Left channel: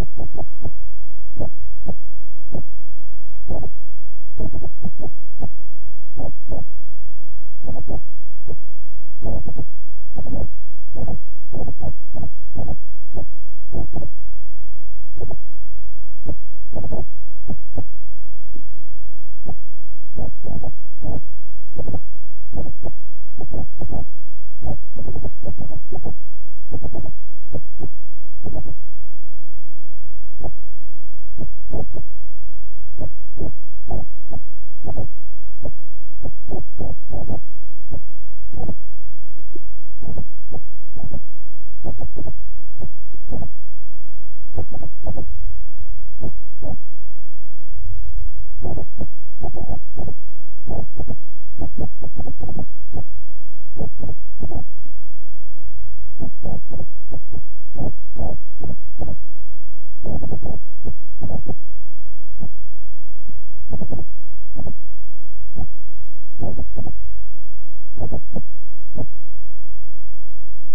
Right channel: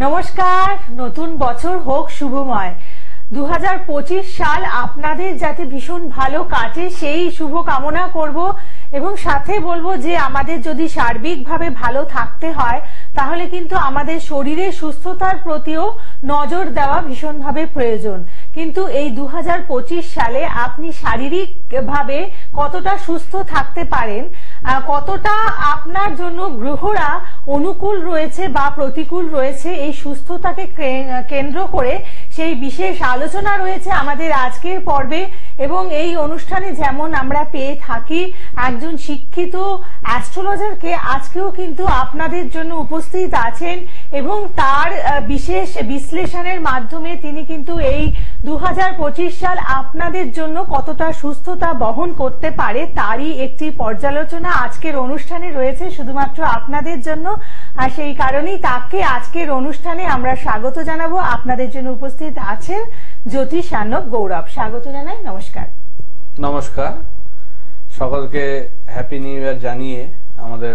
নমস্কার, নতুন বছর হোক শুভময়। 2025 সাল আপনাদের যাতে ভীষণ ভালো কাটে সেই শুভ কামনা করব এবং সাথে বলবো যে আমাদের যদি সার্বিকভাবে ভালো থাকতে হয় তাহলে কিন্তু আমাদের শরীরের সুস্থতার প্রতিও নজর দেওয়া ভীষণভাবে প্রয়োজন। কিন্তু এই 2025 সালে আপনি শারীরিকভাবে কতটা সুস্থ থাকতে পারেন, কতটা আপনার জন্য গ্রহরা অনুকূল রয়েছে বা প্রতিকূল রয়েছে, এই সুস্থতাকে কেন্দ্র করে সেই বিশেষ আলোচনা রয়েছে আমাদের আজকের পর্বে। এবং এই অনুষ্ঠানে যেমন আমরা পেয়ে থাকি একজন শিক্ষিত অ্যাস্ট্রোলজারকে, আজকেও কিন্তু আপনাদের জন্য উপস্থিত আছেন এবং তার বিশেষ বিশ্লেষণের মাধ্যমে তিনি কিন্তু এই 2025 সাল আপনাদের জন্য কতটা সুস্থতা বহন করতে পারে তারই একটি পর্যালোচনা আজকের অনুষ্ঠানে রয়েছে শুধুমাত্র আপনাদের জন্য। আর সেই কারণেই তাকে আজকের অনুষ্ঠানে আমরা স্বাগত জানাবো। আপনাদের জন্য উপস্থিত আছেন জ্যোতিষানক গৌরব। স্বাগত জানাই। নমস্কার। নমস্কার সকলকে, হ্যাপি নিউ ইয়ার জানিয়ে আমাদের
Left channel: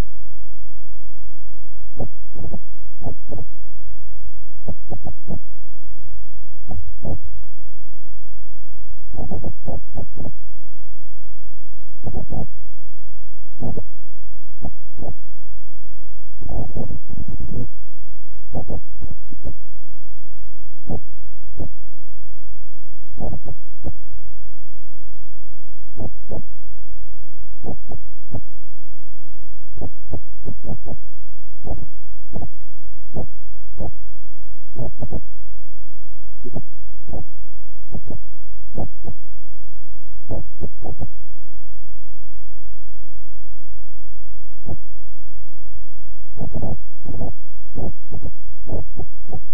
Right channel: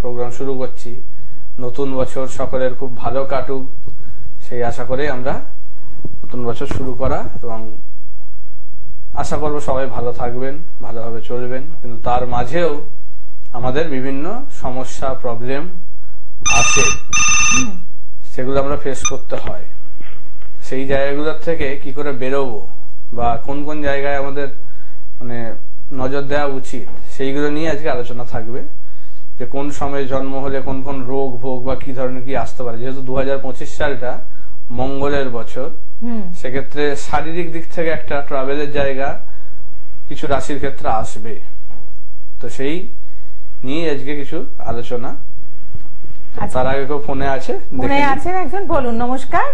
প্রোগ্রাম শুরু করছি। নতুন বছর সকলের খুব ভালো কাটুক সেই আশা করে আমরা নতুন বছর শুরু করা, এবং আশা করব সবাই ভালো থাকবেন, ভালোভাবে চলবেন। কিন্তু তার মাঝেও আমাদের বিভিন্ন সমস্যা প্রবলেম আছে, সেগুলো আমরা ফেস করতে হয়। সেই জায়গাগুলোর থেকে কি করে বেরোবো বা কোন কোন জায়গায় আমাদের মানে নজর দেওয়া উচিত সেইগুলো নিয়ে আজকে আলোচনা থাকবে। যে কোন সময়ে জন্ম হলে কোন কোন রোগ ভোগ বা কি ধরনের কি আসতে পারে। যেহেতু 2025 সালটা মঙ্গলের বছর, সেক্ষেত্রে শারীরিক দিক থেকে একটা ট্রাভেলের জায়গা কিছু রাশির ক্ষেত্রে আসবে। তো সেই নিয়ে আজকে কিছু আলোচনা। তার আগে কেউ ফোনে আছে? ফোনে আছেন একজন, বলুন। নমস্কার।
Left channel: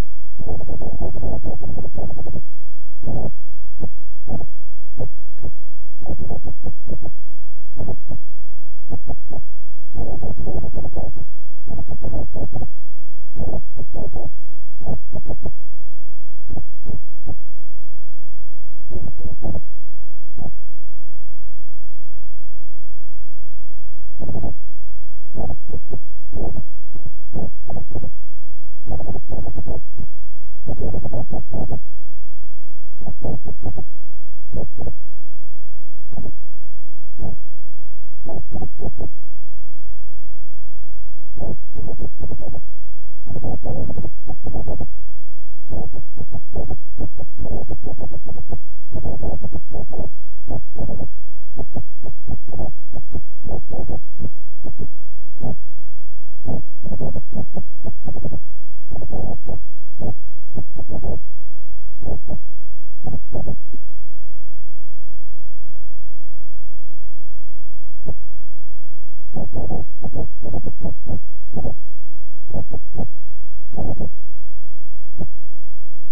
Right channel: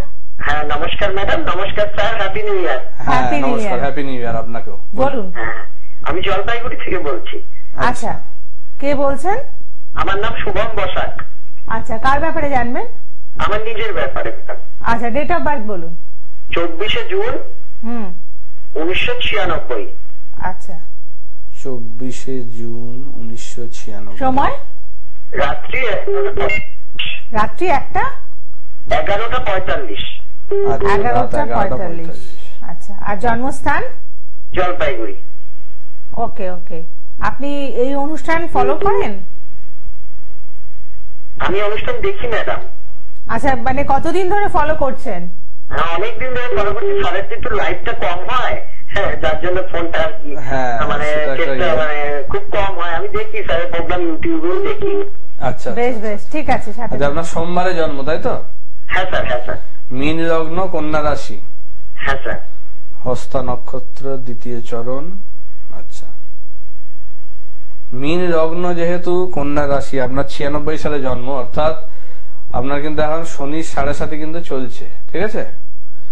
হ্যাঁ নমস্কার ম্যাডাম। নমস্কার স্যার, হ্যাপি নিউ ইয়ার। হ্যাঁ নমস্কার, হ্যাপি নিউ ইয়ার আপনাকেও। বলুন। আমি জলপাইগুড়ি থেকে বলছি। আচ্ছা, কে বলছেন? আমার নাম শুভম বসাক। আচ্ছা, কার ব্যাপারে জানবেন? আমার নিজের ব্যাপারে। আচ্ছা, ডেট অফ বার্থ বলুন। 24শে জুন 1996। আচ্ছা, 24শে জুন 1996। সময়? রাত্রি 11:45। 11:45। আচ্ছা, আর জন্মস্থান? জলপাইগুড়ি। ওকে ওকে। আপনি এই অনুষ্ঠান ফলো করেন? আমি অনুষ্ঠান দেখি ম্যাডাম। আচ্ছা, মানে কতদিন ধরে ফলো করছেন? হ্যাঁ অনেকদিন ধরে ফলো করছি। স্যারের একটু লাইভটা কম হয়, হ্যাঁ তার জন্য ফোনটা আর কি মানে খুব কম হয়। আমি দেখি স্যারের প্রোগ্রাম ইউটিউবেও দেখি। আচ্ছা বেশ বেশ, ঠিক আছে। আচ্ছা, আপনার সোমবারে জন্ম তাই তো? হ্যাঁ স্যার। হ্যাঁ স্যার। মীন লগ্ন, কন্যা রাশি। হ্যাঁ স্যার। হস্তা নক্ষত্র, দ্বিতীয় চরণ। আচ্ছা, মীন লগ্ন যেহেতু কন্যা রাশি, আপনার 96 সালে জন্ম, অর্থাৎ আপনার কিন্তু এখন শনি 7.5 কিন্তু চলছে, ঠিক আছে?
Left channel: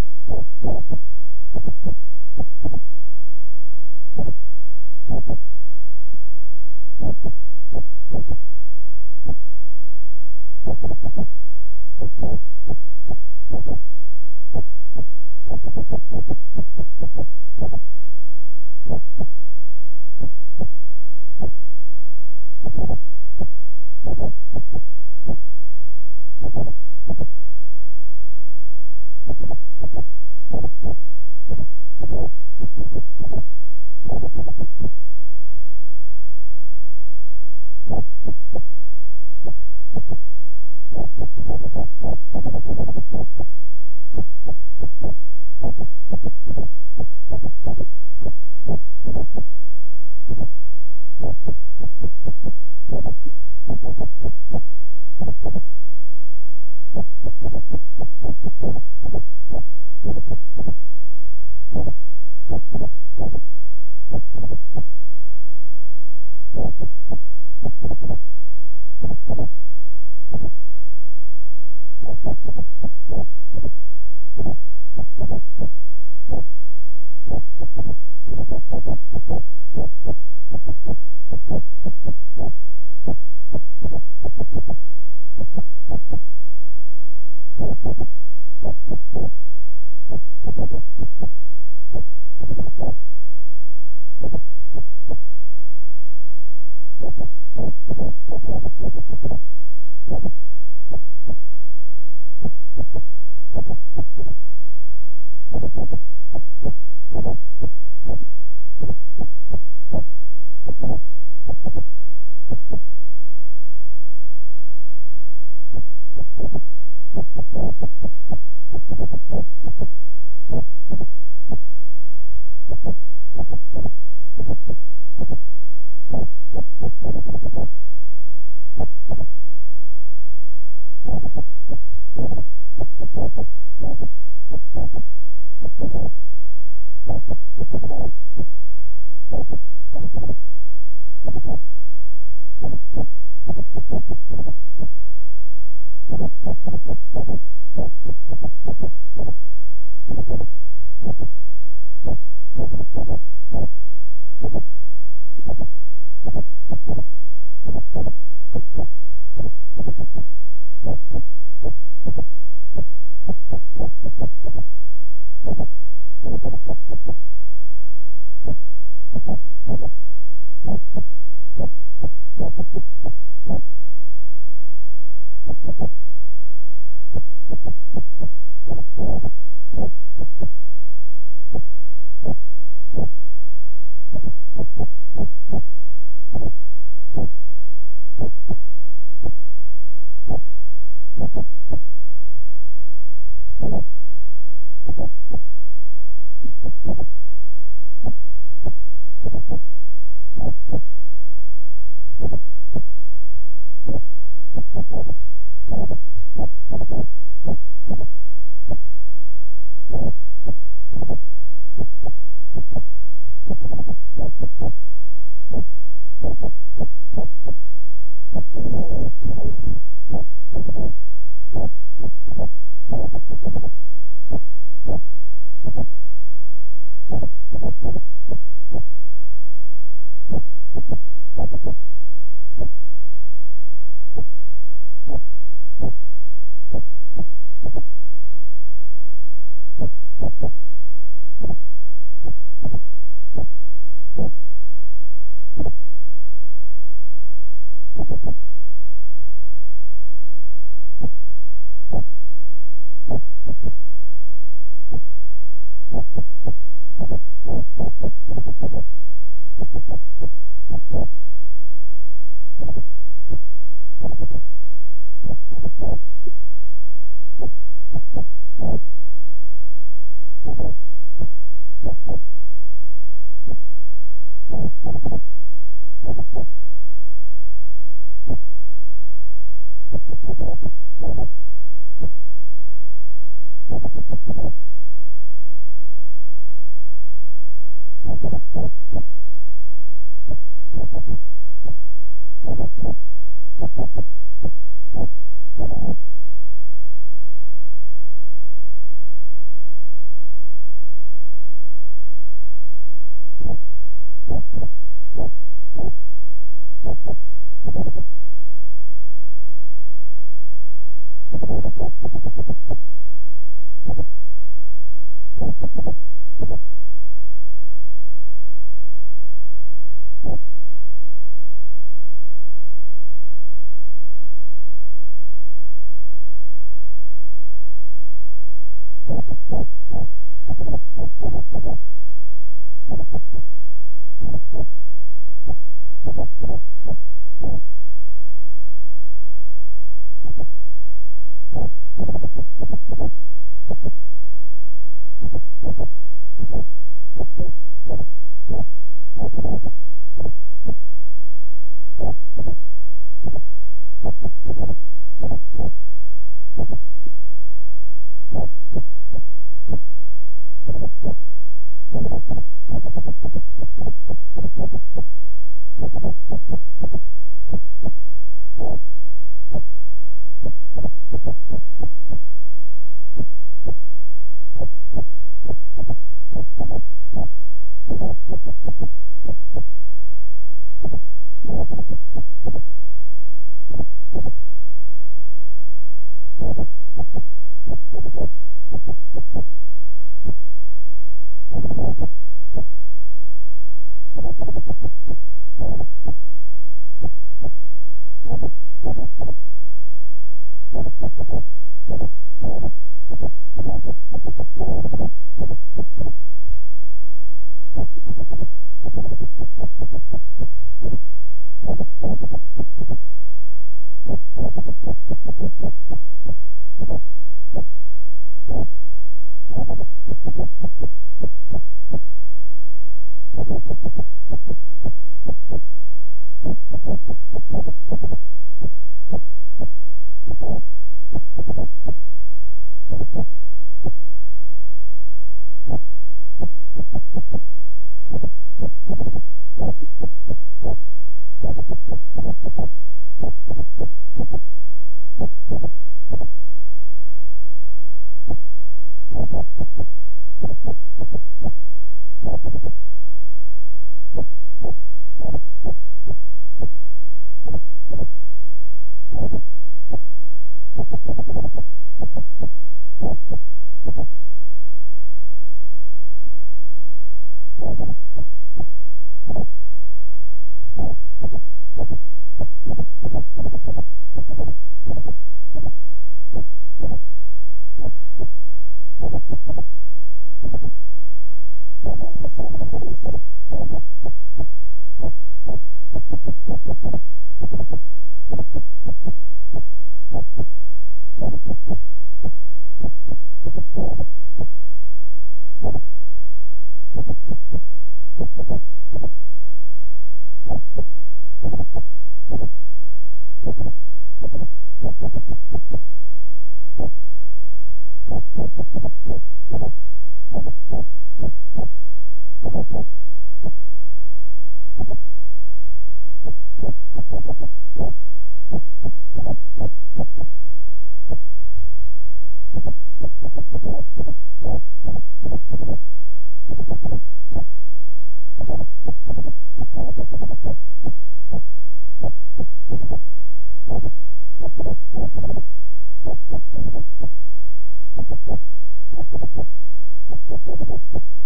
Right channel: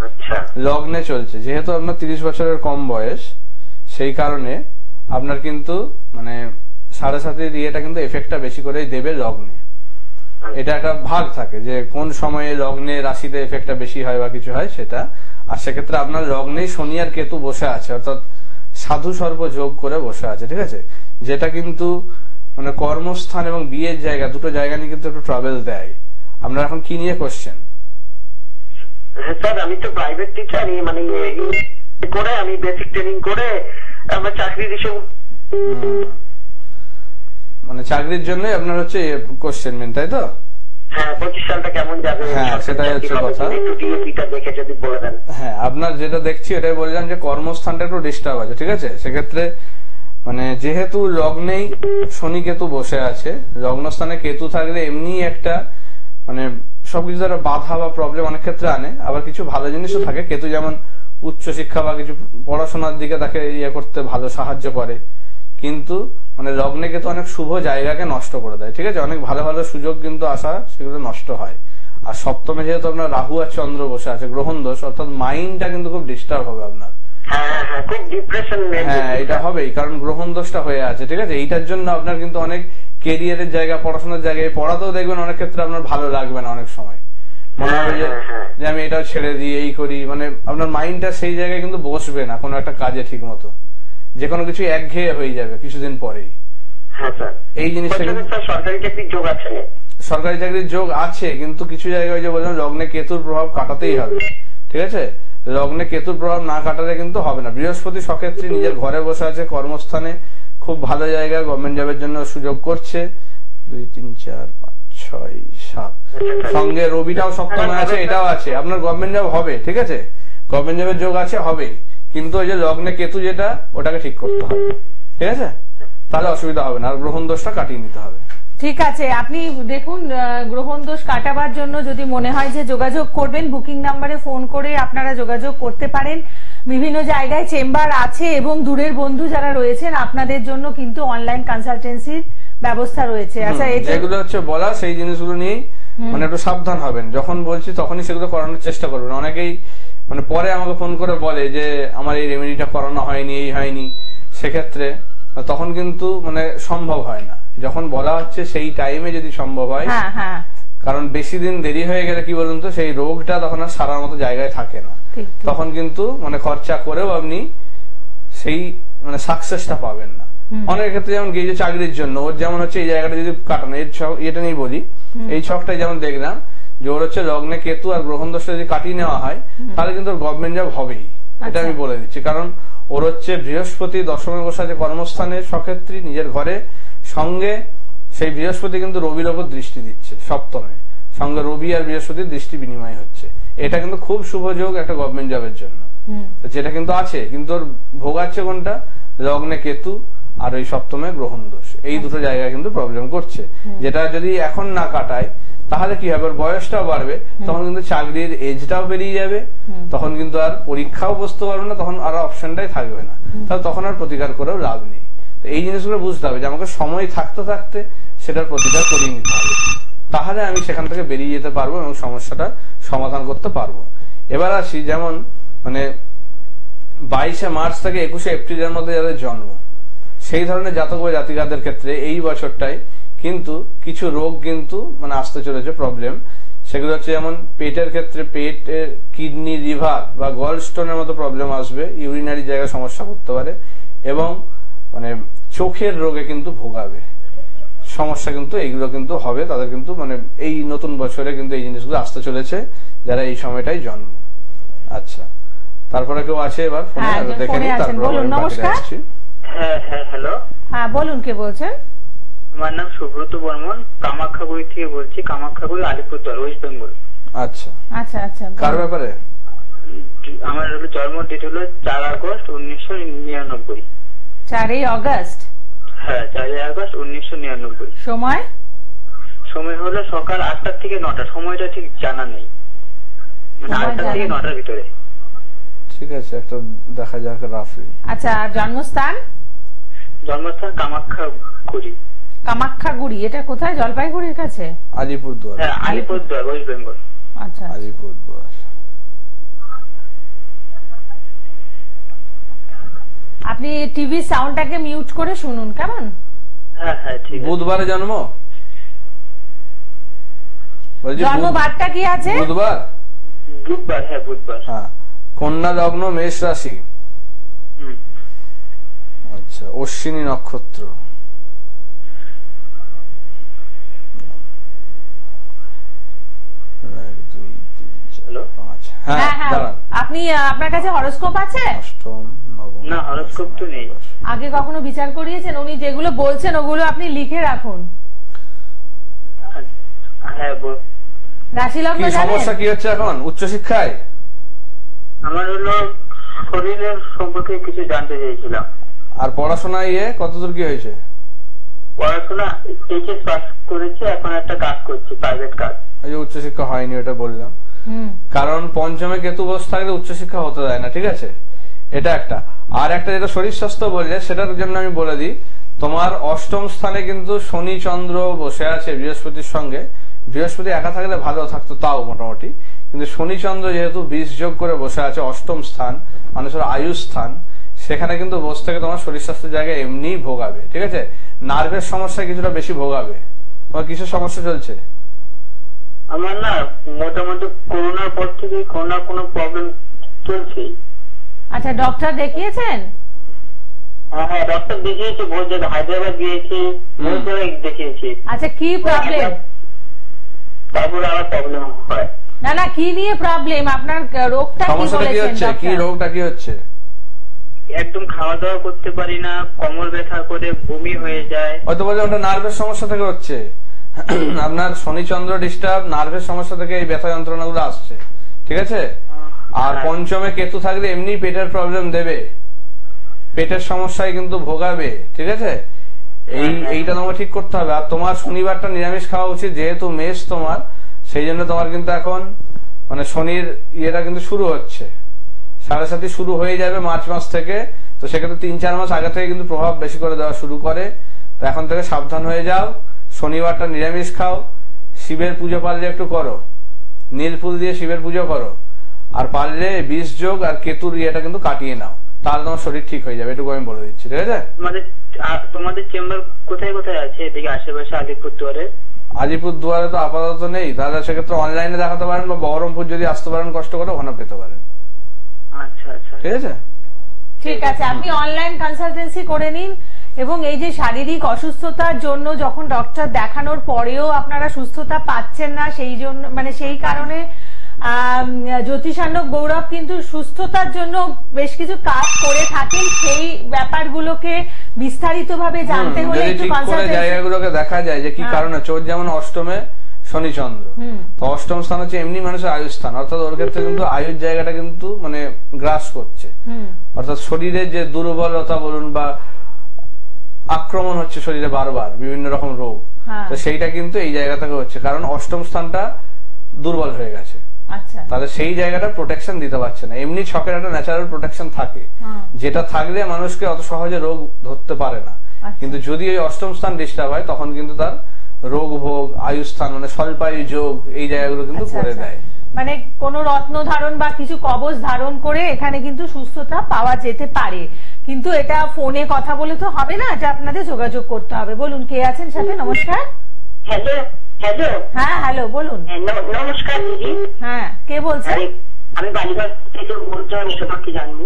আচ্ছা। লগ্নে চলছে, যেহেতু আপনার 30 বছরের কম বয়স, সেই কারণে আপনার কিন্তু মানে 7.5 ইয়েটা কিন্তু এফেক্টটা বেশি করেই দেবে লগ্নে। এটা একটা ভাগ থাকে যে কোন সময়ে লগ্নে রাশিতে এফেক্টটা বেশি হয় বা কিছু হয় সেটা। আর সেক্ষেত্রে আপনার লগ্নেই শনি আর কেতু বসে আছে, অর্থাৎ সাধু সর্প যোগ করে বসে আছে, ঠিক আছে? যেটা কিন্তু মানে কর্মস্থান এবং বিয়ের জায়গা, দুটো জায়গা নিয়ে কিন্তু একটু ট্রাভেল দেয়। আপনার এখন কি নিয়ে কোশ্চেন? স্যার আমি তো প্রাইভেট টিচার, মানে করে আমি বেসিক ট্রেনিং করে আমার চাকরি দিছি। মানে চাকরির জন্য আপনার হচ্ছে কোশ্চেন মেন, তাই তো? হ্যাঁ 25 সালটা কেমন যাবে? হ্যাঁ সেটাই হচ্ছে কথা। দেখে যদি বলে দেন। হ্যাঁ আপনার যেটা দেখছি এটাই বললাম যে কর্মস্থানটা একটু ডিস্টার্ব আছে, ঠিক আছে? সেক্ষেত্রে মানে যেহেতু লগ্নেই শনি কেতু বসে আছে, লগ্নস্থানে কেতু থাকলে এমনি একটা মানে সবকিছু দ্বারা বাধা বা প্রবলেম অনেক ক্ষেত্রে আনে। আবার কিছু ভালো জিনিসও থাকে। কেতু যেমন উচ্চ শিক্ষা বা কিছু পড়াশোনার দিকে তাকে ইয়ে করতে ভালো সাহায্য করে, কিন্তু মানে লগ্নে কেতু অনেক শুভ জায়গাকে নষ্ট করে দেয়, ঠিক আছে? অনেক ভালো ভালো সুযোগ কিন্তু আসা সেগুলো নষ্ট হয়। আর সপ্তমে যেহেতু আপনার রাহু আর চন্দ্র বসে আছে, গ্রহণ দোষ, অর্থাৎ মাইন্ডটা কিন্তু খুব ডিস্টার্ব হবে আপনার। হ্যাঁ এটা হবেই, কারণ গ্রহণ দোষটা হয়ে আছে, ঠিক আছে? এইটার জন্য আপনার কিন্তু অনেক কেরিয়ারের জায়গা, পড়াশোনার জায়গায় পড়াতেও দেখবেন অনেক ক্ষেত্রে আপনার ভালো লাগবে না, অনেক সময় মনে হবে যে আমি এটাও ছেড়ে দিই, এই করি, মানে আপনার মাইন্ডটা সেই জায়গায় কিন্তু বসবে না কোনো একটা কাজে ঠিক মতো। যে কোনো কিছু একঘেয়ে হয়ে যাবে কিছুদিন পরেই। এই জিনিসটা সরকারি চাকরির যোগ আছে? সরকারি চাকরির যোগ আছে, কিন্তু কিছু জায়গায় যে বললাম লগ্নে কেতুর প্রভাব কাটাতেই হবে, ঠিক আছে? লগ্নে কেতুর প্রভাব না কাটালে কিন্তু হবে না। বৃহস্পতি সক্ষেত্রী নিজের ঘরে বসে আছে, কর্মস্থানে খুব ভালো জায়গা, গভর্নমেন্ট জবের জন্য সুযোগ করছে। 2 3 4 5 6 7 সঙ্গে রবিটাও সপ্তমে আছে, এটাও আছে, আপনার গভর্নমেন্ট জব হবে, ঠিক আছে? গভর্নমেন্ট জবের যোগ আছে, হবে, কিন্তু ওই যে লগ্নে কেতু যেটা, ওটাকে ঠিক করতে হবে, ঠিক আছে? তাহলে অসুবিধা হবে না, আর গ্রহণ দোষটা কাটিয়ে নিতে হবে। ঠিক আছে, আপনি দেখুন গ্রহণ দোষ কাটাবার জন্য যদি মনে হয় যে যোগাযোগ করবেন, বুকিং নাম্বারে ফোন করে আপনারা যোগাযোগ করতে পারেন। বিভিন্ন জায়গায় চেম্বার আছে এবং দূরের বন্ধু যারা রয়েছেন আপনাদের জন্য কিন্তু অনলাইন কনসালটেন্সির ব্যবস্থা রয়েছে। আচ্ছা, যেগুলো হচ্ছে বলা সেই জিনিসগুলো নিয়ে মানে একটু সাবধান হবেন, যখন বলছি তখনই সেগুলো করানোর চেষ্টা করবেন। অনেকেই মানে পরে আমাকে ফোন করে বলে যে আমার এই রেমেডিটা করানো হয়নি, এই হয়নি, সেক্ষেত্রে তখন কিন্তু মানে সম্ভব হয় না। যখন বলা হচ্ছে সেই টাইমে যদি সম্ভব হয়, কারণ বেশি দিন দেরি হয়ে গেলে কি বলুন তো, সেই রোগটা তখন আর সারার মতো জায়গায় থাকে না, তখন কিন্তু মানে খরচা করেও আপনি সেই মানে সাকসেসটা পাবেন না। অনেক ক্ষেত্রে যেমন গিয়ে চাকরির জন্য ওর যেমন হচ্ছে এই জায়গাটা যদি কাটানো, এটা নিয়ে বলি, এই ছকটাই যেমন দেখলাম যে ওর হচ্ছে লগ্নে কেতু আর গ্রহণ দোষটা যদি কাটিয়ে নেওয়া হয় তাহলে কিন্তু গভর্নমেন্ট জব হবেই, এটা আমি বলে দিচ্ছি। কারণ ওর হচ্ছে বৃহস্পতি দশমে বসে আছে কর্মস্থানে সক্ষেত্রী নিজের ঘরে, সঙ্গে সেই বৃহস্পতি কিন্তু রবির ওপর দৃষ্টি দিচ্ছে সপ্তমে, সঙ্গে রবি আর বৃহস্পতির দৃষ্টি বিনিময় হচ্ছে। এটা কিন্তু খুব শুভ যোগ একটা গভর্নমেন্ট জবের জন্য, যেটা কিন্তু আছে, কিন্তু ওর ভোগাচ্ছে কোনটা, লগ্নে কেতু আর ওই সপ্তমে গ্রহণ দোষ, এই দুটো জায়গায় কিন্তু প্রবলেম করছে। যেটা যদি এখন না কাটায় তাহলে কি হবে, বয়সটাও বাড়বে, তখন কিন্তু চাকরির এজটাও বেরিয়ে যাবে, তখন কিন্তু আর পরীক্ষাও বসতে পারবে না, তখন আর অপশনটাই থাকবে না, তাহলে তখন আর প্রতিকার করেও লাভ নেই। তো এই জিনিসগুলো বুঝতে হবে যে আমাকে সময় থাকতে থাকতে সেটার প্রতিকার করিয়ে নিতে হবে, তাহলে আমি সেখান থেকে বেরিয়ে যেতে পারবো এবং সমস্যাটা সমাধান করতে পারবো। এবার আসি, যেমন মানে 22শে মার্চ থেকে 21শে এপ্রিলের মধ্যে যাদের জন্ম, সেই ধরনের জাতক বা জাতিকাদের ক্ষেত্রে এই বছরটাই কিন্তু কিছু রোগ কিন্তু মানে আসতে চলেছে, প্রবলেম। সেগুলো হচ্ছে যেমন পেটের ক্ষেত্রে পেটের কিডনি, লিভার বা গল স্টোনের মতো প্রবলেম আসবে, ইউরিনারি জায়গায় সমস্যা করতে পারে, এবং মানে চোখের রোগে কিন্তু ভোগাবে, সমস্যা কিন্তু এইগুলো কিন্তু হবে তাদের, কিন্তু মানে এই নতুন বছরে কিন্তু এই জিনিসগুলো আসতে চলেছে যারা এই সময়টাই জন্ম। আচ্ছা, তারপরে কেউ আছে এবার ফোনে দেখে নিই, তারপরে নমস্কার। হ্যাঁ হ্যাঁ, হ্যালো, হ্যাঁ বলুন, কে বলছেন? আমার নাম সুব্রত বর্মন, কামাখ্যাগুড়ি থেকে বলছি, কামাখ্যাগুড়ি, আলিপুরদুয়ার, ওয়েস্ট বেঙ্গল। আচ্ছা আচ্ছা আচ্ছা, কার ব্যাপারে? আমার জন্ম ডেট হলো 4 আগস্ট 1999। 4 আগস্ট? হ্যাঁ, 4 আগস্ট 1999। সময় হলো সকাল 8টা থেকে 9টা, সময়টা ঠিক জানা নেই, মানে 8টা থেকে 9টার ভিতরে। ঠিক আছে, একটা দেখা যাক রাফলি। আচ্ছা, জন্মস্থান? কামাখ্যাগুড়ি। কামাখ্যাগুড়ি এটা কোথায়? জলপাইগুড়ির কাছে? আলিপুরদুয়ার। হ্যাঁ, আলিপুরদুয়ার, ওয়েস্ট বেঙ্গল। আচ্ছা, আলিপুরদুয়ার। আপনি টিভি সাউন্ডটাকে মিউট করে শুনুন, কেমন? হ্যাঁ হ্যাঁ, ঠিক আছে। বুধবারে জন্ম? জন্মবারটা কি আছে? বুধবার। হ্যাঁ, বুধবার। হ্যাঁ, কন্যা লগ্ন, মেষ রাশি। আচ্ছা, অশ্বিনী নক্ষত্র। আপনি আপনার কাছে হরোস্কোপ আছে? না, হরোস্কোপ তো নেই। আগে কখনো বিচার করিয়েছেন? উনি যেগুলো বলছেন ওগুলো আপনি লিখে রাখুন। হ্যাঁ, রাশি লগ্ন জানেন? সমস্যা কি হচ্ছে এখন উচ্চশিক্ষায়? আমার হলো শরীরের সম্পর্কে কিছু জানতে চাইছিলাম। আর পড়াশোনায় কতদূর কি হয়েছে? পড়াশোনা এইচএস পাস করেছি, এখন একটা কাজ করছি, প্রাইভেট কাজ। এই যে উচ্চশিক্ষা হয়নি ওটা বললাম, কারণ পঞ্চমে কেতু বসে থাকলে উচ্চশিক্ষা হতে দেয় না, ঠিক আছে? এটা একটা। আর একটা যেটা শরীর স্বাস্থ্য বললে সেটার জন্য আমি বলে দিই, তোমার অষ্টম স্থানে কিন্তু শনি চন্দ্র বসে আছে বৃহস্পতির সঙ্গে। বৃহস্পতি একা থাকলে ভালো থাকতো তাও মোটামুটি, কিন্তু শনি চন্দ্র যেহেতু 20 যোগ করে বসে আছে অষ্টম স্থান, মানুষের আয়ু স্থান, সেখানে কিন্তু বসে থেকে তোমার শরীর স্বাস্থ্যের জায়গায় এমনি ভোগাবে, ঠিক আছে? নার্ভের সমস্যা কিছুটা বেশি ভোগাবে। তোমার কিসের সমস্যা চলছে? আমার না মোটামুটি করোনার পর থেকে কোনো প্রবলেম চলছে। আচ্ছা, ডক্টর দেখিয়েছেন? হ্যাঁ, ডক্টর দেখিয়েছি, বহুত জায়গায়, হায়দ্রাবাদ গিয়েছি, বহুত জায়গায় দেখিয়েছি। আচ্ছা, কি প্রবলেম? তারপরে আমার প্রবলেম হয়। না না, কি নিয়ে প্রবলেম? আপনার রোগটা কি বলেছেন? কি রোগটা কি হচ্ছে? একদম খাওয়া দাওয়া করতে পারি না, কোমর ব্যথা করে, বমি হয়ে যায়। হয়তো বলছে ওটা নার্ভের সমস্যা থেকে হচ্ছে। আপনার শনি চন্দ্র ডিস্টার্ব, নার্ভের সমস্যা থেকে এই ব্যথা যন্ত্রণাগুলো আসছে, ঠিক আছে? আর পঞ্চমে কেতু থাকলে এমনি পেটের প্রবলেম দেবে, পেটের সমস্যায় কিন্তু ভোগাবে, ঠিক আছে? এইটা তোমাকে ঠিক করতে হবে। আর তোমার শনিবারটা নিরামিষ খাওয়া উচিত, যেহেতু মেষ তোমার, সেই জন্য তোমার কিন্তু এখন মানে শনির ইয়েটা কিন্তু শুরু হচ্ছে, 7.5 শুরু হয়ে যাবে মার্চ মাস থেকে। তো সেক্ষেত্রে 3-4 মাস আগে থেকে কিন্তু প্রভাব বেশি করে দেওয়া শুরু করে। তো এখন থেকে সাবধান হয়ে যাও, শনিবারটা নিরামিষ খাও, শিবের পুজো পারলে একটু করো, নীল ফুল দিয়ে শিবের পুজো করো, আর পারলে বিষ যোগ আর কেতুর ইয়েটা কিন্তু কাটিয়ে নাও, তাহলে তোমার শরীর ঠিক হয়ে যাবে। এটুকু আমি বলে দিচ্ছি, ঠিক আছে? তোমাদের চেম্বার কোথায় কোথায় আছে এদিকে আশেপাশে? আলিপুরদুয়ারে? আলিপুরদুয়ারে তো আপাতত নেই, তাহলে সেক্ষেত্রে অনলাইনে দেখাতে পারেন, বা বহরমপুর যদি আসতে পারেন কষ্ট করে ওখানে পেতে পারেন। আচ্ছা আচ্ছা, ঠিক আছে, ঠিক আছে। আপনি অনলাইন কনসালটেন্সি করে নিন। এবং এই যে শারীরিক অসুস্থতার জন্য যখন ডক্টর দেখানোর পরেও আপনারা সুস্থতা পাচ্ছেন না, সেই জন্য মানে সেই কারণে জ্যোতিষান্নক গৌরব কিন্তু সুস্থতার জন্য বেশ কিছু কাজ করে থাকেন। সেই ব্যাপারগুলোকে বিস্তারিতভাবে জানতে হলে একটু কনসালটেন্সি জায়গাগুলোকে দেখা যায় যে কি কারণে। চোর যেমন অষ্টমে শনি চন্দ্র, তো অষ্টম স্থান হচ্ছে এমনি মানুষের আয়ুর স্থান, অর্থাৎ ওর ক্ষেত্রে কিন্তু আয়ুর জায়গাটা কিন্তু মানে গ্রাস করছে, অর্থাৎ শরীরের যে দুর্বলতা বলুন বা আক্রমণ হচ্ছে শরীরে বারবার বিভিন্ন রকম রোগ, তো সেইটা কিন্তু এই জায়গা থেকে হচ্ছে, কারণ অষ্টম স্থানটা দুর্বল হয়ে গেছে। তাহলে সেই জায়গাটা প্রোটেকশন দিতে পারছে না। এমনি ছকের একটা ন্যাচারাল প্রোটেকশন থাকে, যেটা থাকলে মানুষকে অত সহজে রোগ ধরতে পারে না। কিন্তু যদি ওই অষ্টম স্থান ডিস্টার্ব হয় তখন কিন্তু তার রোগ ভোগ, আয়ুস্থান মানে স্বল্পায়ু যোগ, এই জায়গাগুলো কিন্তু করে দেয়। মানে কোন রত্ন ধারণ বা কিছু কবচ ধারণ করে এখানে কিন্তু সুস্থতা পাওয়া যেতে পারে। কিন্তু এটা ফোনে কথা বলে তো হবে না, এটা আপনাদের যোগাযোগ করতে হবে। বলুন, কে আছেন সাথে? নমস্কার। Hello hello. হ্যাঁ হ্যালো, বলুন। নমস্কার দিদি। হ্যাঁ, কে বলছেন? আমি বালিগঞ্জ থেকে বলছি, আমি তোমাকে জানবো।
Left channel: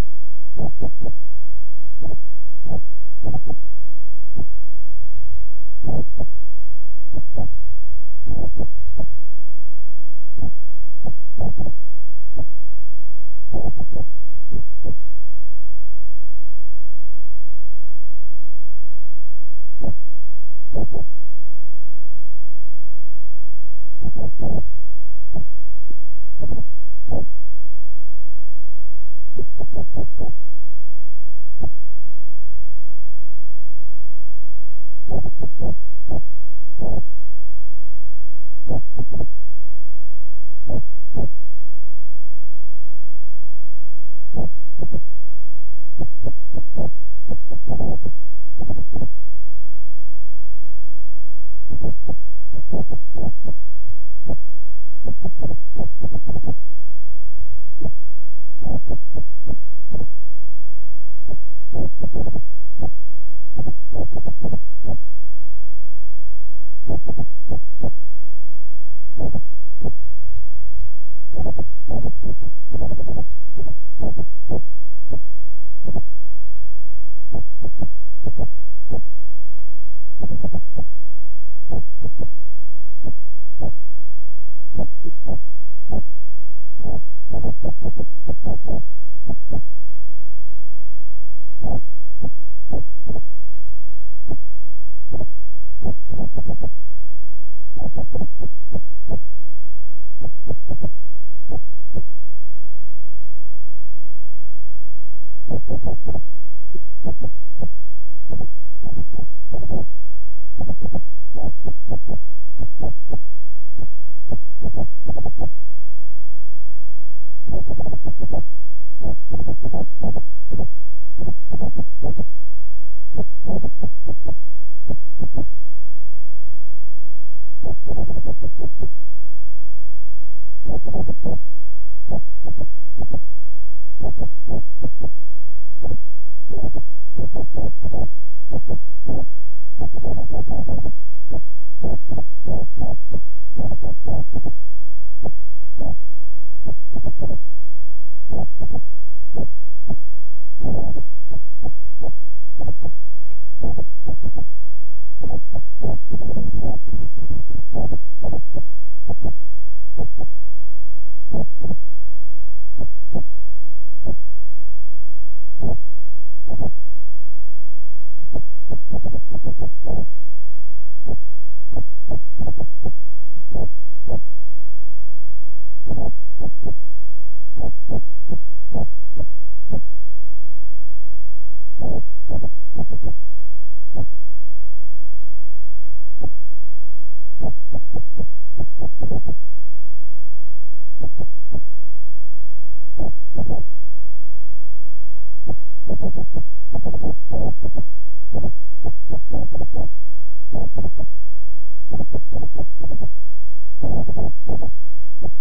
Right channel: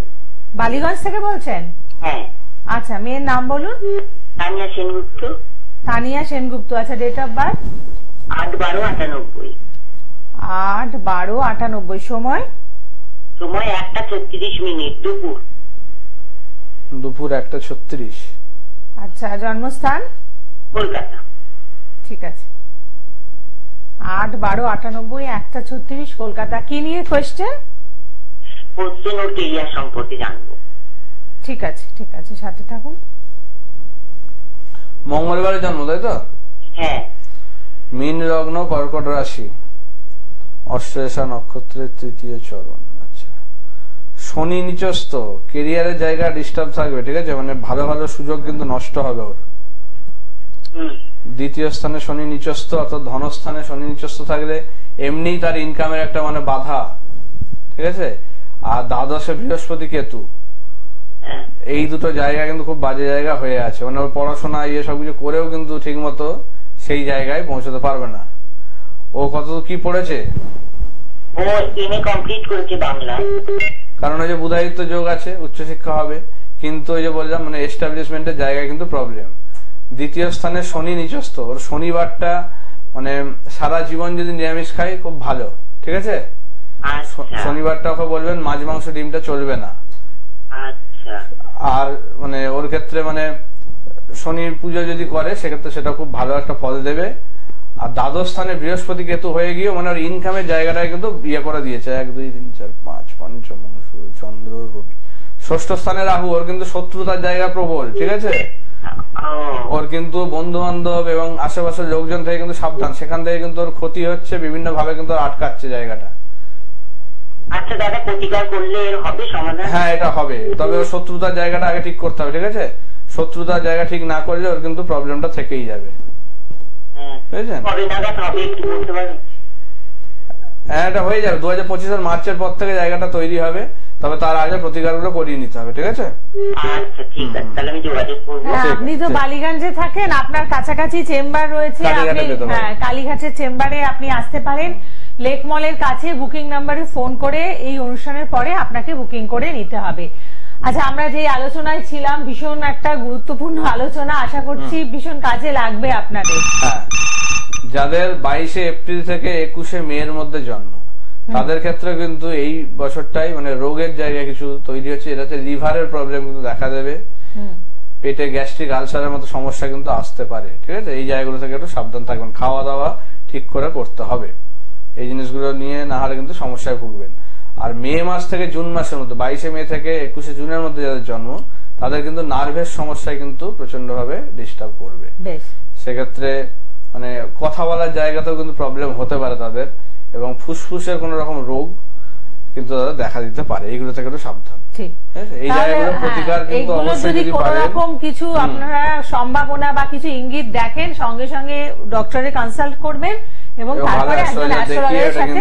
বালিগঞ্জ থেকে বলছেন? হ্যাঁ। আচ্ছা, মেয়ের নাম বলুন। তানিয়া সেনগুপ্ত। তানিয়া সেনগুপ্ত। আচ্ছা, ডেট অফ বার্থ? 8/12/98। 8/12/98। সময়? সময় 1:36, দুপুর 1:36। আচ্ছা, জন্মস্থান? কলকাতা। ঠিক আছে। 8/12/98, 1:36, কলকাতা। কি নিয়ে কোয়েশ্চেন? কোশ্চেন ও কেরিয়ার সম্পর্কে জানবো। ঠিক আছে, ঠিক আছে, সাথে থাকুন। মঙ্গলবারে জন্ম, তাই তো? হ্যাঁ। মীন লগ্ন, কর্কট রাশি, অশ্লেষা নক্ষত্রের 3য় চরণ। আচ্ছা, শনি নিচস্থ, কেরিয়ারের জায়গা ডিস্টার্ব থাকবে, ঠিক আছে? মানে ভালো ভালো সুযোগ কিন্তু নষ্ট হবে ওর। 2য় স্থানে শনি নিচস্থ, অর্থাৎ ধনস্থানে শনি নিচস্থ থাকলে এমনি তার ইনকামের একটা মানে বাধা, ঠিক আছে? আর দ্বাদশে বৃহস্পতি কেতু, এই দুটো জায়গা কিন্তু খুব বাজে জায়গা হয়ে আছে। মানে ওর পড়াশোনা ইয়ে সবকিছু করেও কিন্তু ঠিক মতো সেই জায়গায় পৌঁছতে পারবে না। ও কত কি পড়েছে? ও এমএ কমপ্লিট করেছে বাংলা। কারণ ওই যে বুধায়িত্ব যোগ আছে, উচ্চশিক্ষা হবে, কিন্তু ওই যে বললাম মানে এস্টাবলিশমেন্টের জায়গায় কিন্তু প্রবলেম। 2য় স্থানে শনি নিচস্থ, ওর শনিবারটা মানে সারা জীবন যদি নিরামিষ খাই খুব ভালো, ঠিক আছে? শনিবারটা ওকে বলবেন মাছ মাংস ডিমটা চলবে না। আর মানে ওর ক্ষেত্রে মানে শনির পুজো যদি করে সেক্ষেত্রে সেটা খুব ভালো একটা ফল দেবে। আর দ্বাদশ স্থানে বৃহস্পতি কেতু হয়ে গিয়ে মানে ওর ইনকামের জায়গাটায় কিন্তু ইয়ে করে দিয়েছে, 1 2 3 4 5 পঞ্চম চন্দ্র রবি। 6ষ্ঠ স্থানে রাহু, ওর কিন্তু শত্রুতার জায়গা প্রবল, ঠিক আছে? ওর কিন্তু বন্ধু বান্ধব এবং আশেপাশের লোকজন থেকে কিন্তু সাবধান, সেখান থেকে কিন্তু ওর ক্ষতি হচ্ছে, বিভিন্ন ভাবে কিন্তু আটকাচ্ছে জায়গাটা। আচ্ছা দাদা, প্রতিকার করলে এর হবে সমাধান? হ্যাঁ, এটা হবে, তবে ওর শত্রুতার জায়গাটা আগে ঠিক করতে হবে, ঠিক আছে? শত্রুতার জায়গা ঠিক না করলে ওর কিন্তু প্রবলেমটা থেকেই যাবে, বুঝেছেন? হ্যাঁ, এটা হয়ে যাবে। 2025 মার্চের পর থেকে জায়গাটা তৈরি হবে, তবে তার আগে প্রতিকারগুলো করিয়ে নিতে হবে, ঠিক আছে? আচ্ছা ঠিক আছে, তাহলে আমি যোগাযোগ করব। আপনি তো বালিগঞ্জে থাকেন, আপনার কাছাকাছি চেম্বার রয়েছে, আপনি কালীঘাটের চেম্বারে আপনি আসতে পারেন। লেক মলের কাছে বুকিং নাম্বারে ফোন করে এই অনুষ্ঠানের পরে আপনাকে বুকিং করে নিতে হবে। আচ্ছা, আমরা যে আলোচনায় ছিলাম ভীষণ একটা গুরুত্বপূর্ণ আলোচনা, আশা করছি ভীষণ কাজে লাগবে আপনাদের। যাদের 22 এপ্রিল থেকে 21 মে এর মধ্যে জন্ম তাদের ক্ষেত্রে কিন্তু এই বছরটাই মানে রোগের জায়গা কিছু তৈরি হচ্ছে, এটাতে লিভারের প্রবলেম কিন্তু দেখা দেবে, পেটে গ্যাস্ট্রিক আলসারের মতো সমস্যা কিন্তু আসতে পারে। ঠিক আছে, এই জায়গাগুলো থেকে একটু সাবধান থাকবেন, খাওয়া দাওয়া ঠিক করে করতে হবে, এই জিনিসগুলো নিয়ে না হলে কিন্তু সমস্যায় ভুগবেন। আর মে মাস থেকে জুন মাসের মধ্যে 22 মে থেকে 21 জুনের মধ্যে যাদের জন্ম তাদের কিন্তু নার্ভের সমস্যায় কিন্তু প্রচন্ড ভাবে ডিস্টার্ব করবে। সেক্ষেত্রে মানে কথা বলার জায়গাতেও কিন্তু প্রবলেম হতে পারে তাদের, এবং ফুসফুসের কোন রকম রোগ কিন্তু তাদের দেখা দিতে পারে। এইগুলো থেকে একটু সাবধান। এই জায়গাগুলো প্রতিকার কিন্তু অবশ্যই যদি কোনো রকম কিছু আপনারা সম্ভাবনা বা কিছু ইঙ্গিত দেখেন সঙ্গে সঙ্গে ডক্টরে কনসাল্ট করবেন এবং তারপরে একজন অ্যাস্ট্রোলজারের সাথে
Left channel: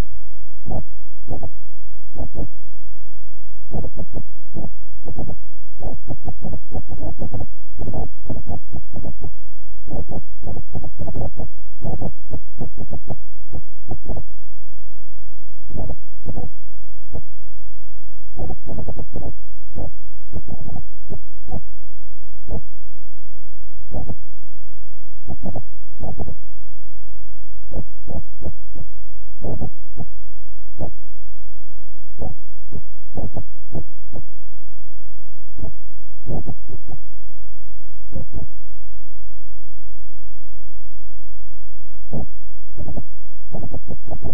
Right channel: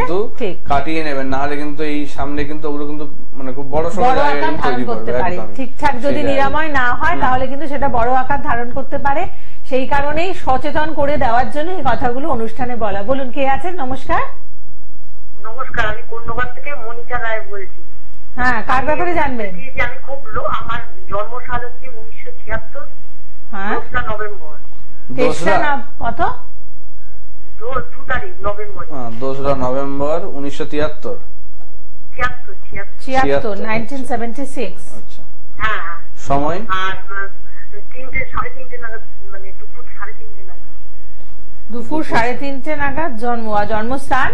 কাটিয়ে নেবেন, না হলে কিন্তু এই সামনে কিন্তু ওগুলো কিন্তু মানে খুব বড় সমস্যা তৈরি করতে পারে। ঠিকঠাক যদি নিরাময় না হয় তাহলে কিন্তু সেটা বড় আকার ধারণ করতে পারে। সেই কারণেই সচেতন করে দেওয়ার জন্য এই কথাগুলো অনুষ্ঠানে বলা। বলুন, কে আছেন? নমস্কার। নমস্কার, আমি কন্যাগর থেকে মনিকা রায় বলছি। হ্যাঁ, কার ব্যাপারে জানবেন? আমি খুব আমার জন্মসাল হচ্ছে 1976। হ্যাঁ, 2 নভেম্বর। কত? 2 তারিখ নভেম্বর। 2 নভেম্বর 1973। 1976। আচ্ছা, হ্যাঁ। সময়? আর 3টে 3:30 নাগাদ, মানে দুপুর 3:30 নাগাদ। দুপুর 3:30 নাগাদ জন্ম। আর জন্মস্থান?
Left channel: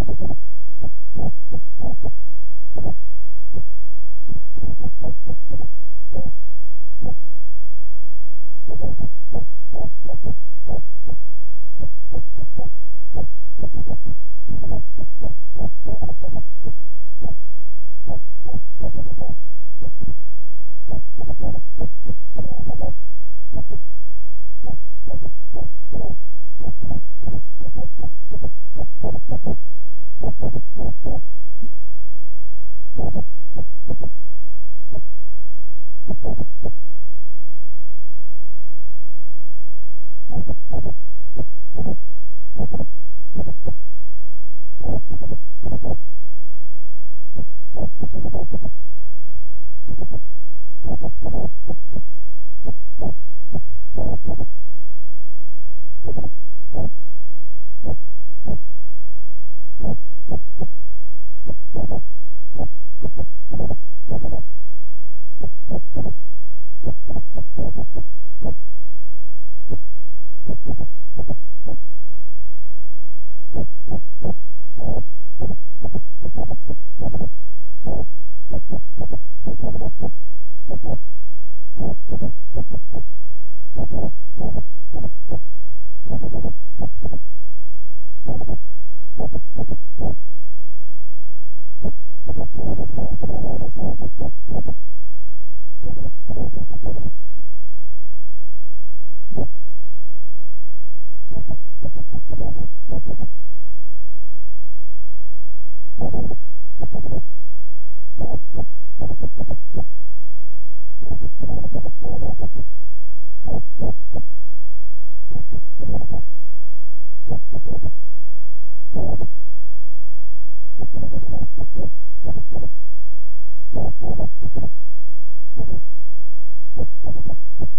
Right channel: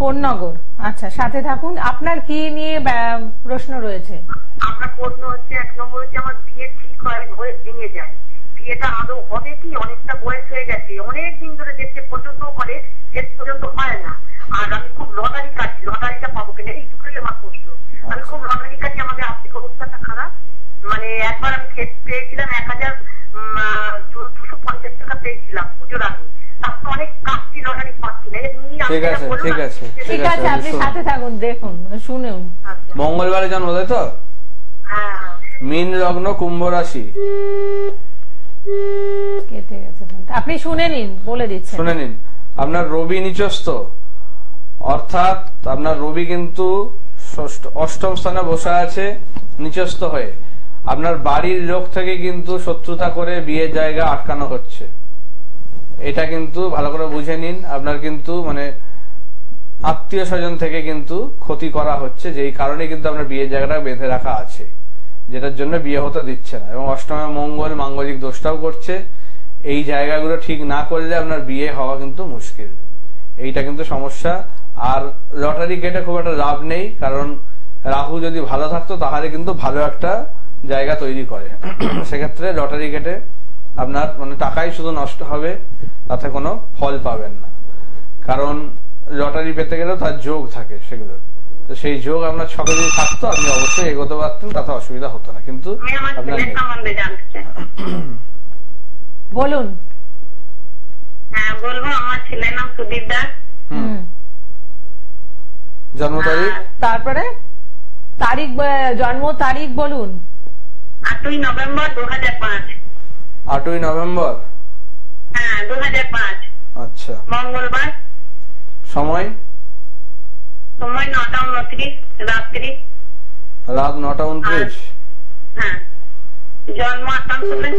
কোন্নগর। আচ্ছা, সাথে থাকুন। আপনার কি নিয়ে প্রশ্ন রয়েছে? আপনার প্রশ্ন হচ্ছে, 1 নম্বর হচ্ছে আমার বিয়ে ঠিক হয়ে ভেঙে যায়, বিয়েটা আদৌ হবে কি? অনেকটা বয়স হয়ে গেছে, অনেক দিন ধরে দেখতে পর্যন্ত করে, শেষ পর্যন্ত হয় না। আর আমি খুব লটারি কাটছি, লটারিটা পাবো কিনা এই দুটোই আমার প্রশ্ন। আমি খুব লটারি কাটছি, আমাদের আর্থিক অবস্থাটা খারাপ। মানে একবার আমি পেয়েছিলাম 1250 টাকা পেয়েছিলাম পুজোর আগে, তারপর অনেক কাটছি, লটারি পাচ্ছি না। ঠিক আছে, আপনি সাথে থাকুন, দেখুন, শুনুন। মঙ্গলবারে জন্ম, তাই তো? মীন লগ্ন, কুম্ভ রাশি। কেটে গেছে, আপনি শুনে নিন, বলে দিচ্ছি। শুনে নিন। আপনার রবি নিচস্থ, অর্থাৎ আপনার রবি কিন্তু 8ম স্থানে বসে আছে নিচস্থ হয়ে। আপনার বাড়ির লোক থেকে কিন্তু শত্রুতা করে বিয়ের জায়গা আটকানো হচ্ছে, এটা কিন্তু ভালো করে বুঝে নিন। আপনার কিন্তু মানে আত্মীয় স্বজন থেকে কিন্তু ক্ষতি করা হচ্ছে, যেই কারণে কিন্তু আপনার বিয়ের জায়গাটা বেঁধে রাখা আছে, যেটার জন্য বিয়ে হতে দিচ্ছে না। এবং 8মে মঙ্গল মাঙ্গলিক দোষটাও করছে। এই জায়গাগুলো ঠিক না করলে আপনার বিয়ে হওয়া কিন্তু মুশকিল, এইটা কিন্তু সমস্যা। আর লটারি কেটে খুব একটা লাভ নেই, কারণ রাহু যদি ভালো থাকতো তাহলে কিন্তু ভালো একটা জায়গা তৈরি করে। সেক্ষেত্রে লটারি কেটে আপনার মানে টাকাই শুধু নষ্ট হবে, তাতে কোনো ফল পাবেন না। কারণ লটারি পেতে গেলেও তার যোগ থাকে, সেগুলো তো সেই যোগ আপনার 6 দিন থাকতো, আপনি অবশ্যই এগোতে পারতেন, তাতে অসুবিধা হতো না। কিন্তু আপনার বলুন। হ্যাঁ, বলবো। আমার ছেলের নাম সুদীপ দাস। জন্ম তারিখ? তারপরে তারিখ, জন্ম তারিখ বলুন। 8ই নভেম্বর 2005। 8ই নভেম্বর? হ্যাঁ, 2005। আচ্ছা, মঙ্গলবার। সময়? সময় 9:29 রাত্রি। রাত 9:29? হ্যাঁ। জন্ম আসানসোলে।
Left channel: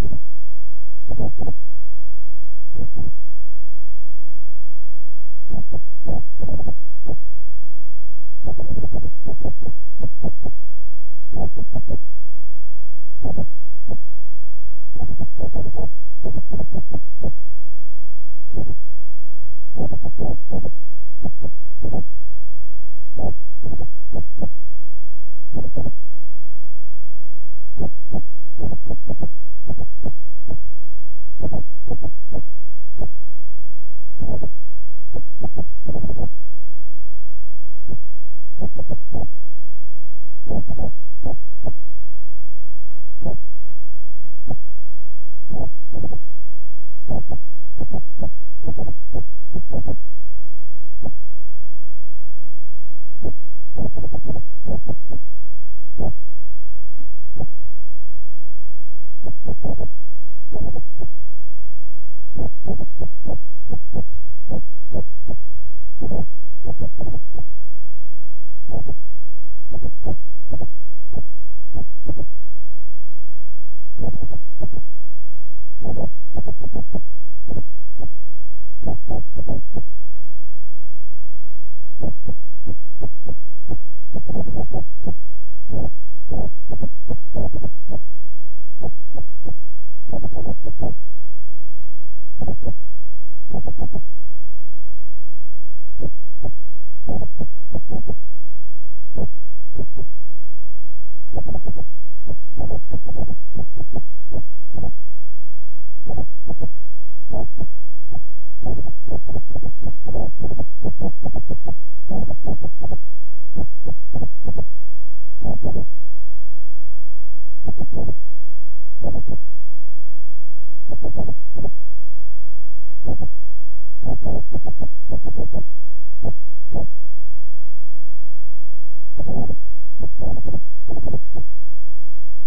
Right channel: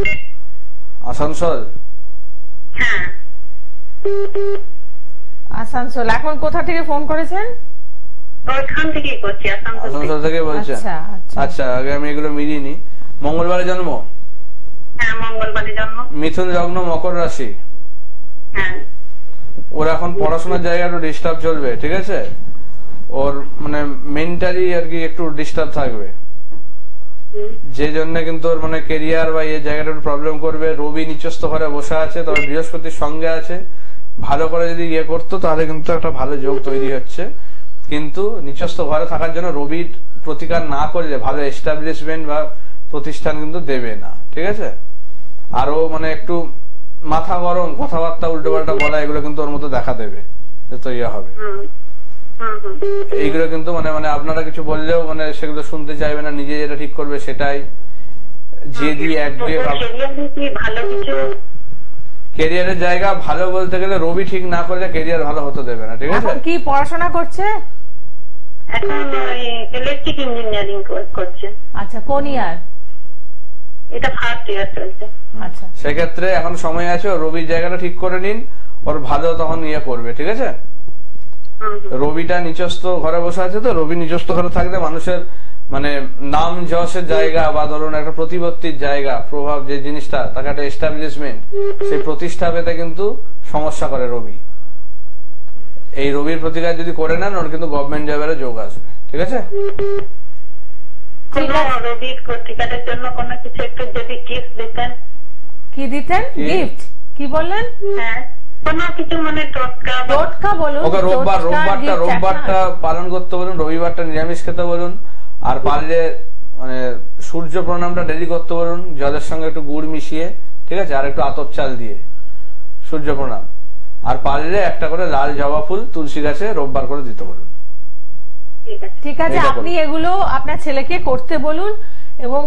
আসানসোল? হ্যাঁ, আসানসোল। এখন কোথা থেকে ফোন করেছেন? ওইখান থেকেই করছি, আসানসোল থেকে বলছেন। আচ্ছা, আগে আমি এগুলো মিলিয়ে নি। মঙ্গলবারে জন্ম? হ্যাঁ, মঙ্গলবারে জন্ম। মিথুন লগ্ন, মকর রাশি। হ্যাঁ। ওর এখন পড়াশোনার জায়গা একটু ডিস্টার্ব চলবে, ঠিক আছে? ওর মানে মেন্টালি আর কি একটু ডিস্টার্ব থাকবে, যে জন্য কিন্তু ওর মানে কেরিয়ার বা এই জায়গাটা একটু প্রবলেম করবে। রবি নিচস্থ ঘরে বসে আছে, তবে বৃহস্পতির সঙ্গে আছে, ভালো করে যদি ইয়ে করতো তাহলে কিন্তু একটা ভালো যোগ তৈরি হচ্ছে। কিন্তু নিচস্থ ঘরে থাকার জন্য রবির প্রতিকার না করলে ভালো এস্টাবলিশমেন্ট বা প্রতিষ্ঠান কিন্তু দেবে না, ঠিক আছে? আরো মানে একটু মাথা গরম, কথাবার্তা উল্টো পাল্টা বলা, এগুলো কিন্তু ওর মধ্যে দেখা দেবে, তো ইয়ে হবে। এইগুলো কিন্তু মানে মানে আপনারা কিছু বললেও মানে সেগুলো শুনতে চাইবে না, নিজে যেটা ঠিক করবে সেটাই। যে দিয়ে ক্যারিয়ারের জায়গা ভালো বলতে গেলে রবি ঠিক না করলে ক্যারিয়ার ভালো হতে দেবে না, ঠিক আছে? কি পড়াশোনা করছে? এখন ইলেকট্রিক ইঞ্জিনিয়ারিং করছে। আচ্ছা, কোন ইয়ার? এটা ফার্স্ট ইয়ার চলছে। আচ্ছা, সেক্ষেত্রে এখন সময় আছে, রবির জায়গাটা ঠিক করে নিন, ওর ভালো তখন ইয়ে করবে, ঠিক আছে? রবিটা নিচস্থ ঘরে বসে আছে, তো রবি নিচস্থ ঘরে থাকলে মানুষের মানে নাম যশের জায়গা বা ধরুন একটা প্রতিপত্তির জায়গা, প্রভাব যে জিনিসটা, তাকে একটা এস্টাবলিশমেন্ট, সেই প্রতিষ্ঠা পেতে কিন্তু সমস্যা করে রবি। এই রবির প্রতিকার যদি করে নেন, ওর কিন্তু গভর্নমেন্ট জবের যোগ আসবে, ঠিক আছে? রবির প্রতিকারের জন্য কোনো কিছু একটু যদি টিপস দিতেন। কি দিতেন? গিফট? কি বললেন? হ্যাঁ, কোনো কিছু মানে টোটকা বলুন। ওকে রোববারটা পালন করতে বলুন, রবিবারটা নিরামিষ খেতে বলুন, আর পারলে মানে সূর্য প্রণামটা ডেলি করতে বলুন, জলের সঙ্গে একটু গুড় মিশিয়ে, ঠিক আছে, আর একটু আতপ চাল দিয়ে সূর্য প্রণাম, আর পারলে একটা করে লাল জবা ফুল তুলসী গাছে রোববার করে দিতে বলুন। ঠিক আছে, আপনি এগুলো আপনার ছেলেকে করতে বলুন, এবং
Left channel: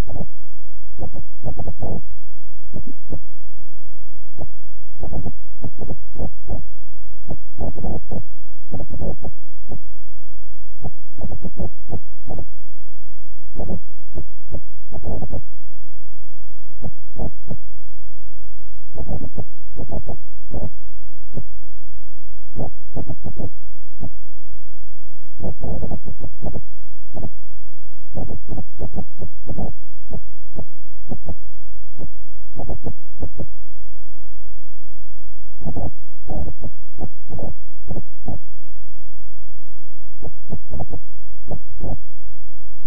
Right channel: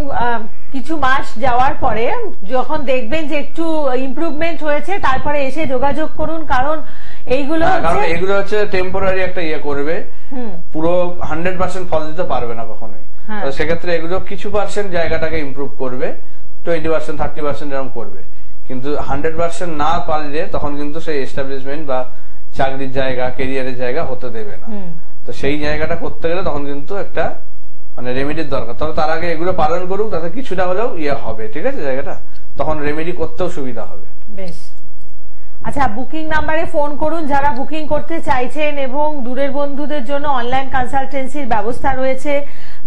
কিছু মাস যাওয়ার পরে যখন দেখবেন যে একটু ইমপ্রুভমেন্ট হয়েছে, তারপরে এসে যোগাযোগ করুন, কারণ এইগুলো হচ্ছে টেম্পোরারি একটা ইয়ে করবে, পুরো 100% ফল দিতে পারবে না কখনোই। সেক্ষেত্রে এগুলো কিছু পার্সেন্ট জায়গাটাকে ইমপ্রুভ করবে, 20%, 30% এরকম করবে, কিন্তু 100% না পারলে তখন কিন্তু সেই এস্টাবলিশমেন্ট বা চাকরির জায়গা, কেরিয়ারের জায়গা হতে দেবে না। তো সেই জায়গাটা করতে গেলে তখন কিন্তু একটা মানে রেমেডির দরকার। তবে তার আগে এগুলো পালন করুক, তাতে কিছুটা হলেও ইয়ে হবে, ঠিক আছে, জায়গাটা তখন রেমেডি করতেও সুবিধা হবে। বেশ, আচ্ছা, বুকিং নাম্বারে ফোন করুন যারা বুকিং করতে চাইছেন, এবং দূরের বন্ধুদের জন্য অনলাইন কনসালটেন্সির ব্যবস্থা রয়েছে।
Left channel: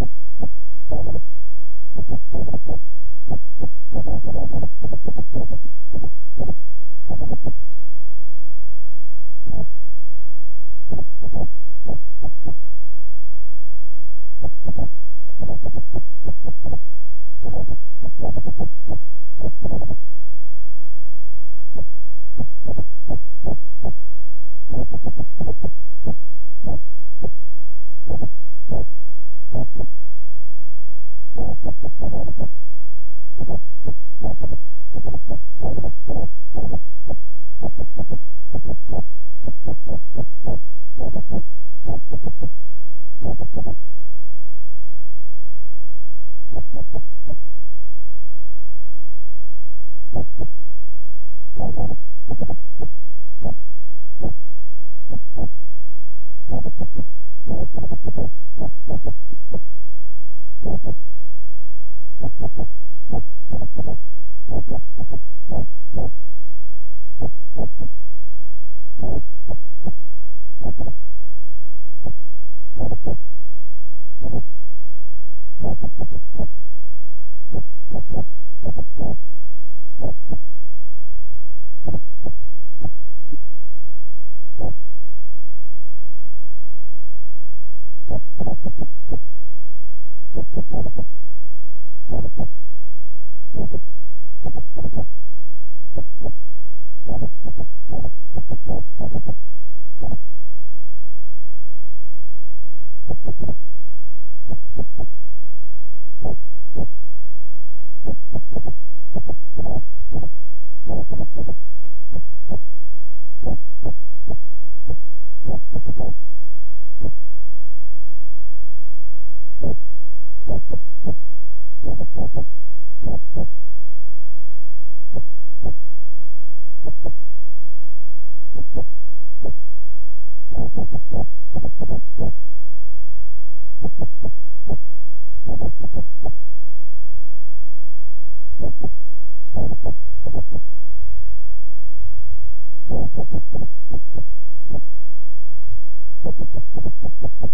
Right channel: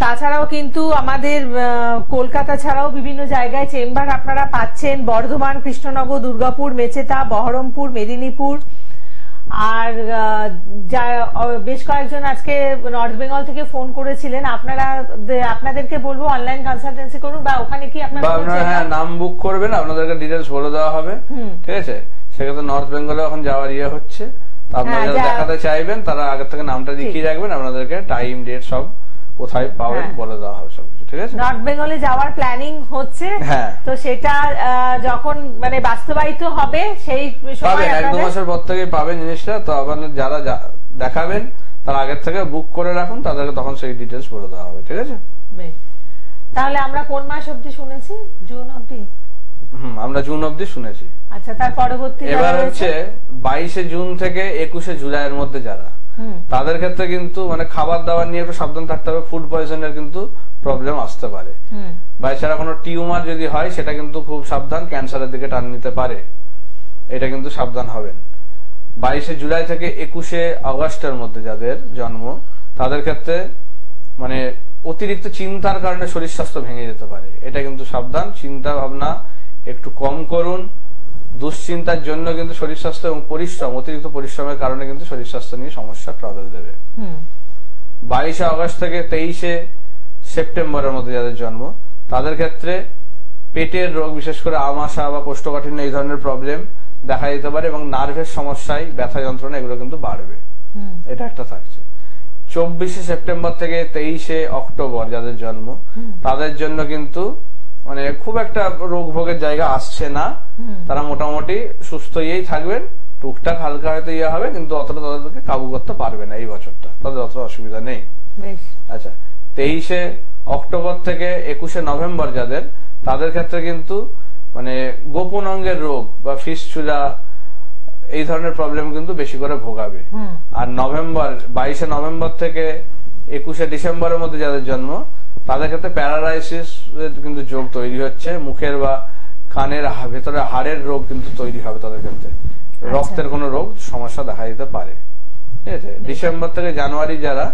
তাছাড়াও কিন্তু আমাদের কলকাতা ছাড়াও বিভিন্ন জায়গায় চেম্বার আপনারা পাচ্ছেন, বর্ধমান, কৃষ্ণনগর, দুর্গাপুর, মেচেদা, বহরমপুর, মেদিনীপুর, আর বেশ কয়েকজন আজকে নর্থ বেঙ্গল থেকে ফোন করেছিলেন। আপনাদেরকে বলবো অনলাইন কনসালটেন্সি করুন, বা ওখানে কি আপনারা নাম বুক করবেন, আপনাদেরকে ডিটেলস বলে দেওয়া হবে, ঠিক আছে? সেক্ষেত্রে নর্থ বেঙ্গলে এখন যাওয়ার ইয়ে হচ্ছে, আপনারা যারা দেখাতে চাইবেন তারা আগে থেকে নামটা লিখিয়ে রাখবেন, আপনাদেরকে টাইম ডেট সব কোথায় পাবেন বলে দেওয়া হবে সবকিছু, ঠিক আছে? নর্থ বেঙ্গলে যাওয়ার প্ল্যানিং হচ্ছে, তো সেটা যখন মানে বাস্তবায়িত হবে সেই সময় 1-2 মাসের পর থেকে পাবেন জিনিসটা। তো আপনারা যারা দেখাবেন তার আগের থেকে বুক করে রাখুন, তাদেরকে তখন সেই ডিটেলস বলে দেওয়া হবে, ঠিক আছে? তাহলে আমরা কোন মাস অবধি শুনেছি? জুন অবধি? আমরা জুন অবধি শুনেছি। আচ্ছা, তার পরবর্তী এবার হচ্ছে 22শে জুন থেকে 21শে জুলাইয়ের মধ্যে যারা, তাদের ক্ষেত্রে কিন্তু মানে খাবার দাবার নিয়ে একটু সাবধান থাকতে হবে, ফুড পয়জনের কিন্তু প্রবলেম আসতে পারে, বা এছাড়া কোনো টিউমার যদি হয় সেটা কিন্তু খুব সাবধান, ক্যান্সারের দিকে টান নিতে পারে, এটা কিন্তু সাবধান হবেন। 22শে জুলাই থেকে 21শে আগস্টের মধ্যে যাদের জন্ম, তাদের ক্ষেত্রে মানে অতিরিক্ত চিন্তার কারণে শরীর স্বাস্থ্য ভেঙে যেতে পারে, এটা কিন্তু সাবধান। চিন্তা ভাবনা একটু কম করুন, দুশ্চিন্তার জন্য কিন্তু শরীর স্বাস্থ্য এবং পরিশ্রম, অতিরিক্ত পরিশ্রমের কারণে কিন্তু শরীর স্বাস্থ্য নিয়ে সমস্যা ট্রাভেল দেবে। 22শে আগস্ট থেকে 23শে সেপ্টেম্বরের মধ্যে যাদের জন্ম, তাদের ক্ষেত্রে পেটের রোগ, বিশেষ করে আমাশা বা কোষ্ঠকাঠিন্য, এই ধরনের প্রবলেম দেখা যেতে পারে, এবং নার্ভের সমস্যায় ব্যথা যন্ত্রণা এগুলো কিন্তু বাড়বে, এটা একটা থাকছে। 24শে সেপ্টেম্বর থেকে 23শে অক্টোবর যাদের জন্ম, তাদের জন্য কিন্তু মানে খুব একটা রোগ ভোগের জায়গা আসছে না, তারা মোটামুটি সুস্থ ইয়েই থাকবেন, টুকটাক হালকা হয়তো ইয়ে হবে, কিন্তু অতটা তাদেরকে কাবু করতে পারবে না এই বছরটা, তাদের অতটা অসুবিধা নেই। আচ্ছা, 23শে অক্টোবর থেকে 21শে নভেম্বর যাদের, তাদের ক্ষেত্রে কিন্তু মানে গোপন অঙ্গের রোগ বা ফিস্টুলা এই ধরনের প্রবলেম কিন্তু বেশি করে ভোগাবে। আর 22শে নভেম্বর থেকে 21শে ডিসেম্বরের মধ্যে যাদের জন্ম, তাদের ক্ষেত্রে প্যারালাইসিস কিন্তু যোগ তৈরি হচ্ছে, মুখের বা কানের ভেতরে হাড়ের রোগ কিন্তু তৈরি হবে তাদের ক্ষেত্রে, রক্তের কোনো রোগ সমস্যা দেখা দিতে পারে, ঠিক আছে? ডিসেম্বর থেকে জানুয়ারি যারা,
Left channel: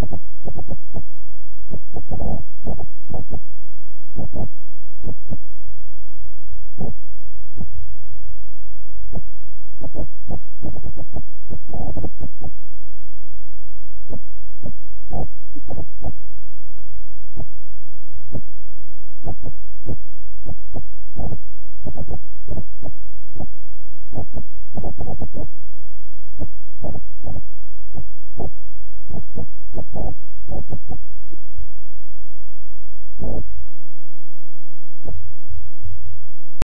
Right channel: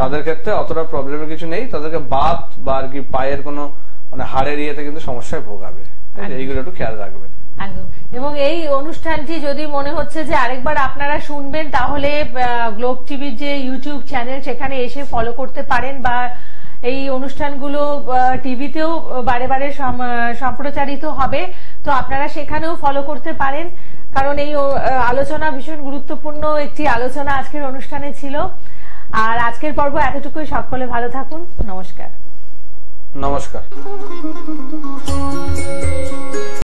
তাদের ক্ষেত্রে অতটা প্রবলেমের কিছু নেই, তাদেরকে বাত বা আর কি পায়ের কোনো মানে হাড়ের ইয়েতে কিন্তু সমস্যায় ভোগাবে, এইগুলো একটু খেয়াল রাখবেন। এবং এই অনুষ্ঠানটি যদি মনে হচ্ছে যে আরেকবার আপনারা শুনবেন, তাহলে গ্লোব টিভির যে ইউটিউব চ্যানেল সেখানে এসে ফলো করতে পারেন, বা এই অনুষ্ঠানগুলো টিভিতেও বারে বারে সম্প্রচারিত হবে, তো আপনারা সেখানেও ফলো করতে পারেন, কারণ এই আলোচনা ভীষণ গুরুত্বপূর্ণ একটি আলোচনা আজকের অনুষ্ঠানে ছিল। আর আজকের পর্ব এতটুকুই, সকলে ভালো থাকুন, নমস্কার। নমস্কার।